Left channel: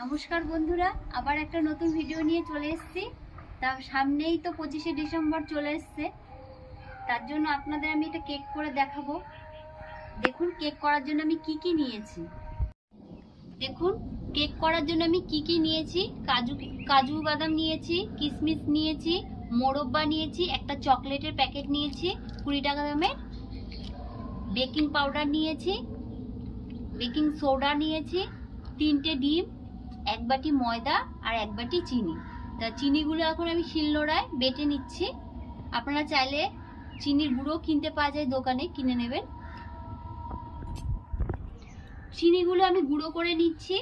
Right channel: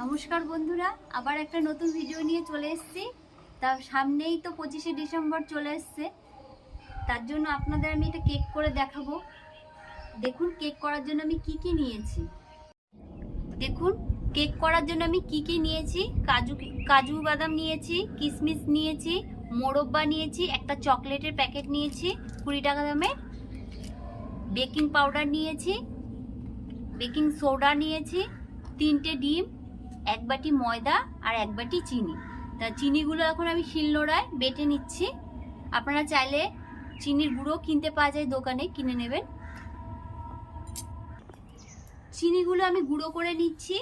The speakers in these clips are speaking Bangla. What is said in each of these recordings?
নমস্কার বন্ধুরা, আবার একটা নতুন ভিডিও নিয়ে চলে এসেছি। তা সামনেই তো পঁচিশে ডিসেম্বর চলে এসছে। তার জন্য আপনাদের আমি একটা কেক করে দেখাবো। দেখুন কেক করার জন্য আমি কি কি নিয়েছি। দেখুন কেক করার জন্য আমি কি কি নিয়েছি। কাজু কাজু বাদাম নিয়েছি কিশমিশ নিয়েছি মোরব্বা নিয়েছি, একটা চকলেটের প্যাকেট নিয়েছি, কুড়ি টাকা দামের। বেকিং পাউডার নিয়েছি, বেকিং সোডা নিয়েছি, তিনটে ডিম এক বাটি ময়দা আর এক বাটি চিনি। তা চিনিগুলো এখন আমি শিলনোড়ায় বেটে নিচ্ছি। আপনারা চাইলে চিনির গুঁড়ো কিনতে পাওয়া যায় দোকানে, কিনে নেবেন। চিনিগুলো আমি গুঁড়ো করে নিচ্ছি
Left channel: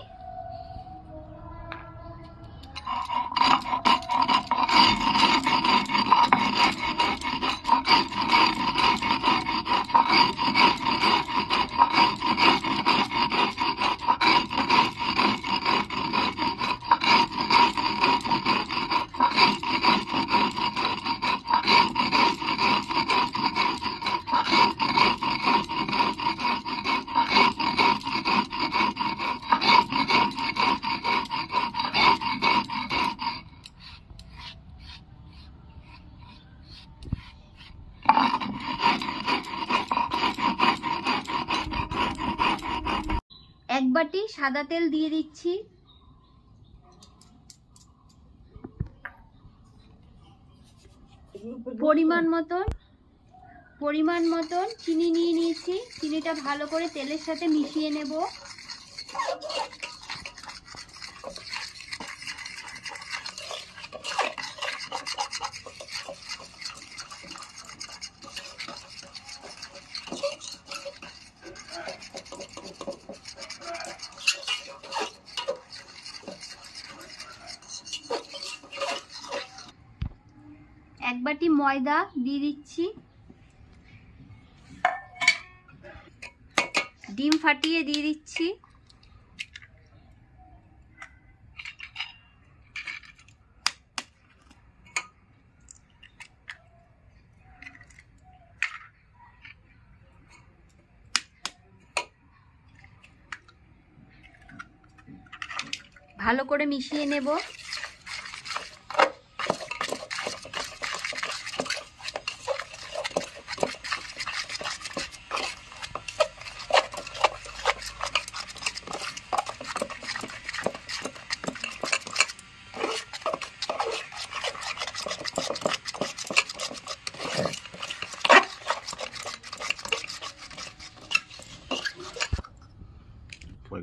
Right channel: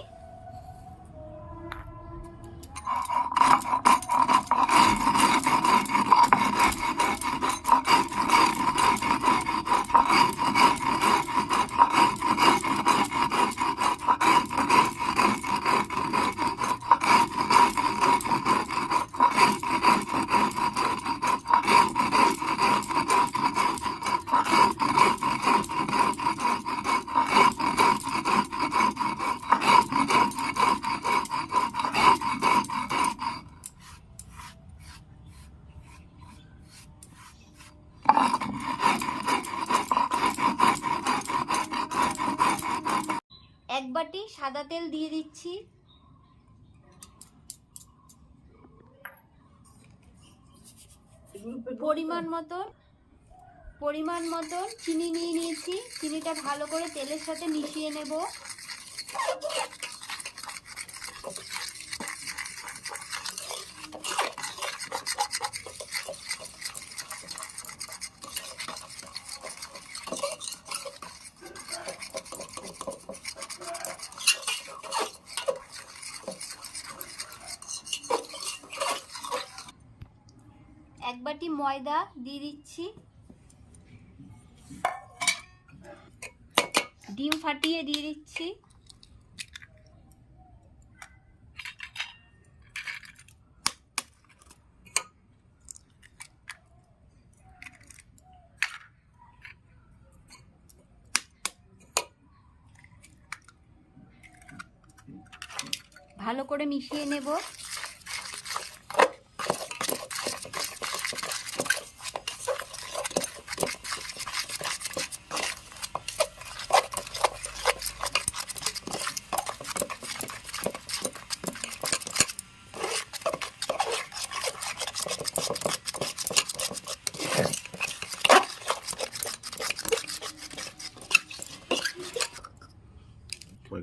এক বাটি সাদা তেল দিয়ে দিচ্ছি। পরিমাণ মতন পরিমাণ মতন চিনি নিয়ে নিয়েছি। চিনিটা ভালো করে তেলের সাথে মিশিয়ে নেব। এক বাটি ময়দা দিয়ে দিচ্ছি। ডিম ফাটিয়ে দিয়ে দিচ্ছি। ভালো করে মিশিয়ে নেব।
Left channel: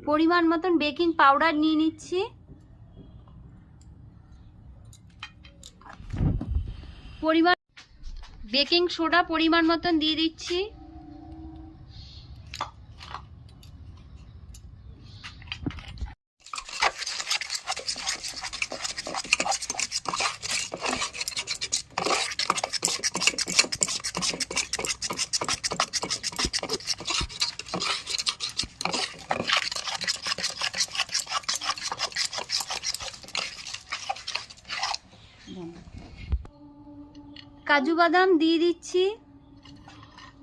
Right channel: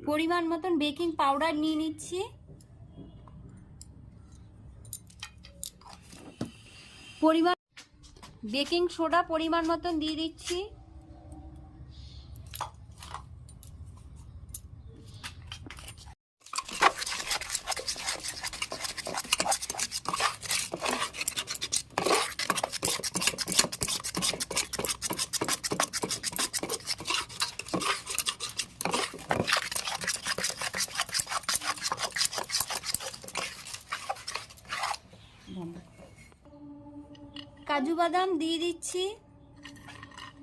পরিমাণ মতন বেকিং পাউডার নিয়ে নিচ্ছি। পরিমাণ বেকিং সোডা পরিমাণ মতন দিয়ে দিচ্ছি। কাজু বাদাম দিয়ে দিচ্ছি।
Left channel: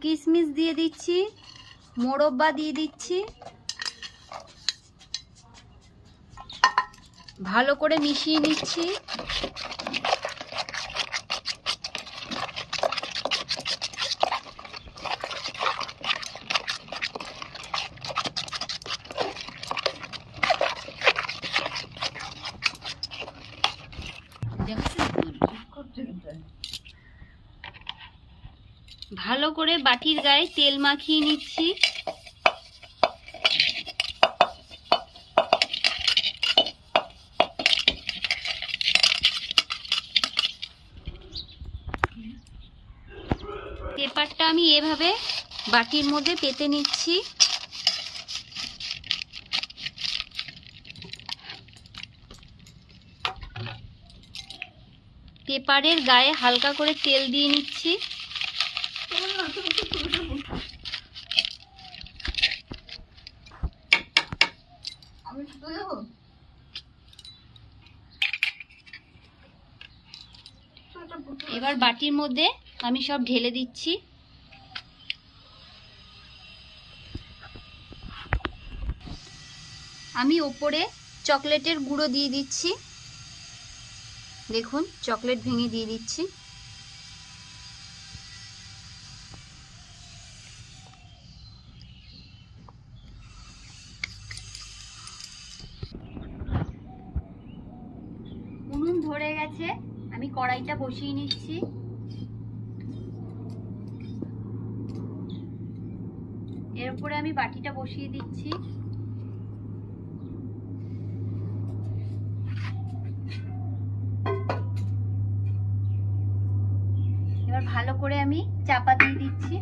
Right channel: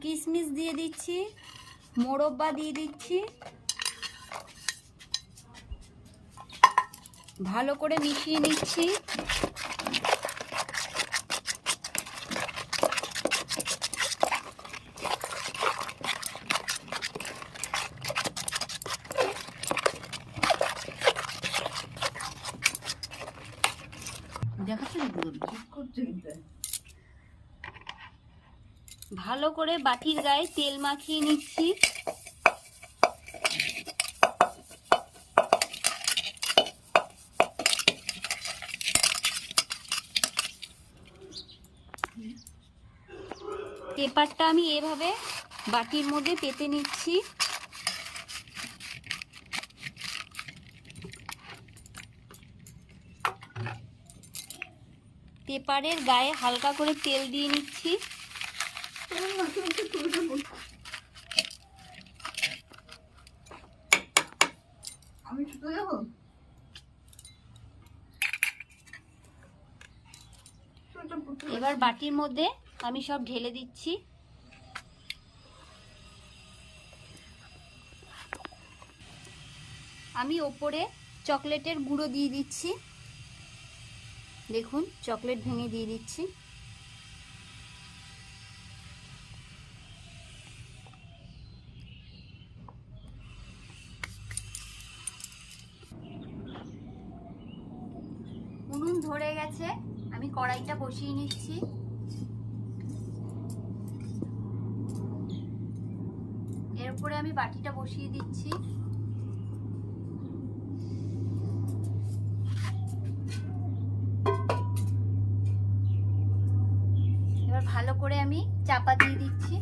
কিশমিশ দিয়ে দিচ্ছি। মোরব্বা দিয়ে দিচ্ছি। ভালো করে মিশিয়ে নিচ্ছি। ভালো করে বাটির গায়ে তেল মাখিয়ে নিচ্ছি। পেপারটা আমি এভাবে বাটির মধ্যে পেতে নিচ্ছি। পেপারের গায়ে হালকা করে তেল দিয়ে নিচ্ছি। এবার বাটির মধ্যে আমি সব ঢেলে দিচ্ছি। আমি ওপরে চকলেটের গুঁড়ো দিয়ে দিচ্ছি। দেখুন, চকলেট ভেঙে দিয়ে দিচ্ছি। গেছে আমি কড়াইটা বসিয়ে নিচ্ছি। এর উপরে আমি বাটিটা বসিয়ে দিচ্ছি এবার ভালো করে আমি চাপা দিয়ে দিচ্ছি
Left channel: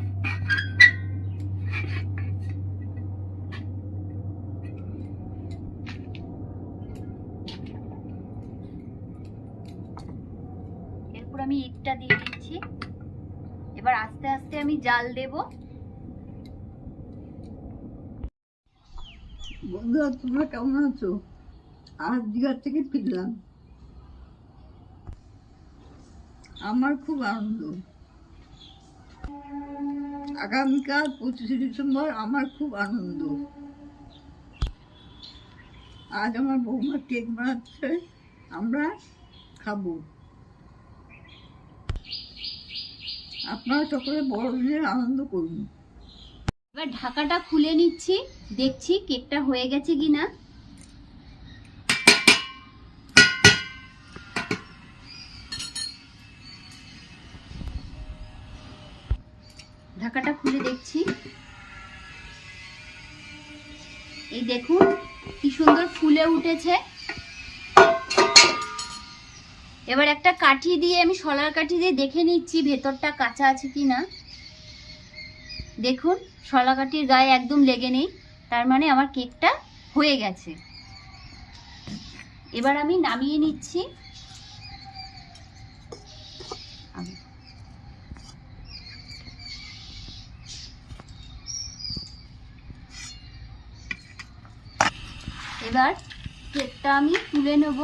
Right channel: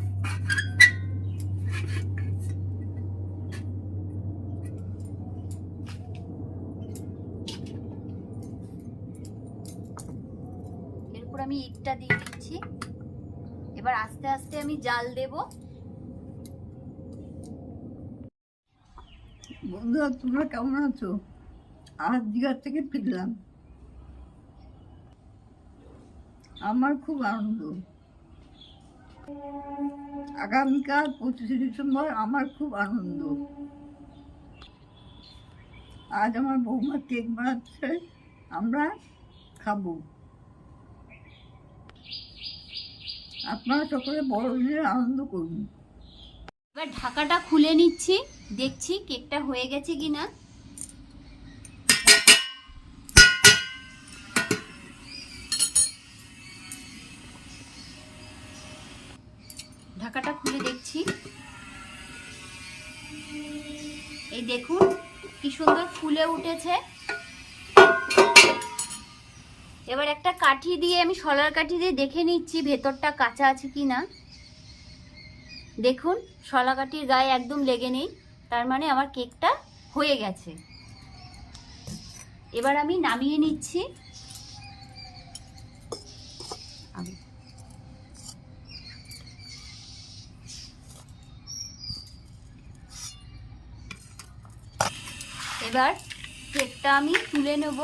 এরপর আমি ইটটা দিয়ে দিচ্ছি। এবার আস্তে আস্তে আমি জাল দেব। বন্ধুরা, তোমরা কেমন আছো? আজ দীঘার থেকে ফিরলাম। আমার খুব আনন্দ। আগামীকাল পঁচিশে ডিসেম্বর আমার খুব আনন্দ। আজ আমার বৌমা কেক বানাচ্ছে, আমরা খাব। আপনারা সকলে বড়দিনের আনন্দ করুন। এবার ঢাকাটা খুলে নিচ্ছি, দেখছি কেকটা হয়ে গেছে কিনা। ঢাকাটা খুলে দেখছি। এই দেখুন, কি সুন্দর ফুলে উঠেছে। কাঠি দিয়ে, আমি শলার কাঠি দিয়ে দেখে নিচ্ছি ভেতরটা কাঁচা আছে কি না। দেখুন শলাকাঠির গায়ে একদম লেগে নেই, তার মানে আমার কেকটা হয়ে গেছে। এবার আমি নামিয়ে নিচ্ছি। এবার কেকটা আমি তুলে নেব।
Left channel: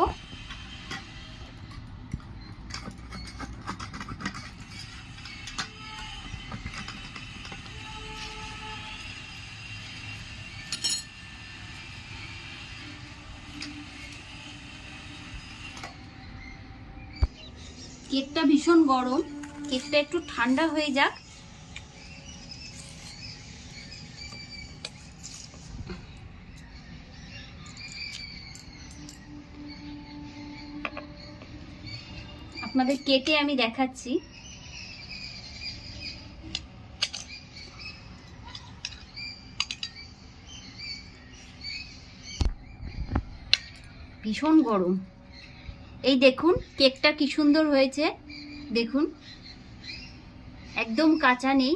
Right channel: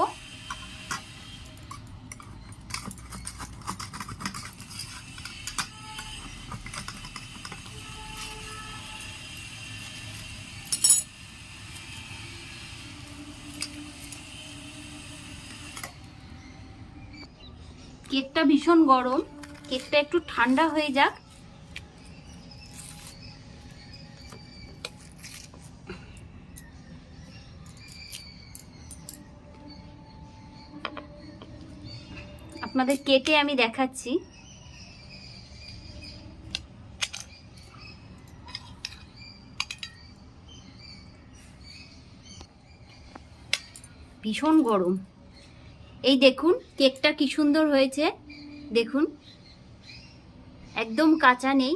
কেকটা ভীষণ গরম। কেকটা একটু ঠান্ডা হয়ে যাক। আপনাদের কেটে আমি দেখাচ্ছি। ভীষণ গরম। এই দেখুন কেকটা কি সুন্দর হয়েছে। দেখুন একদম কাঁচা নেই।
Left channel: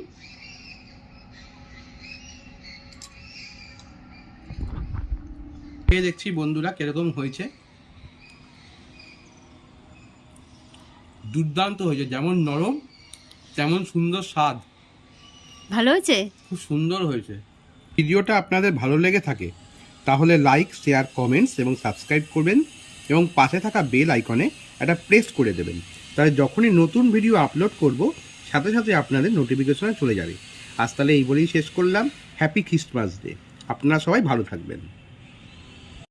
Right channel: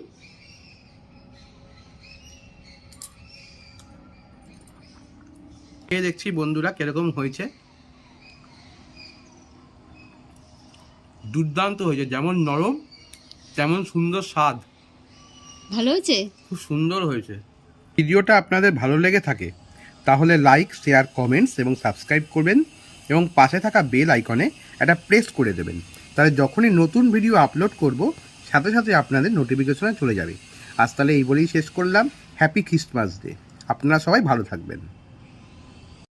খেয়ে দেখছি বন্ধুরা কীরকম হয়েছে। দুর্দান্ত হয়েছে যেমন নরম তেমন সুন্দর স্বাদ। ভালো হয়েছে? খুব সুন্দর হয়েছে। ভিডিওটা আপনাদের ভালো লেগে থাকে তাহলে লাইক শেয়ার কমেন্টস এবং সাবস্ক্রাইব করবেন। এবং পাশে থাকা বেল আইকনে একটা প্রেস করে দেবেন। তাহলে যখনই নতুন ভিডিও আপলোড করব, সাথে সাথে আপনাদের নোটিফিকেশনে চলে যাবে। আজ তাহলে এই বলেই শেষ করলাম। হ্যাপি খ্রিস্টমাস ডে আপনারা সবাই ভালো থাকবেন।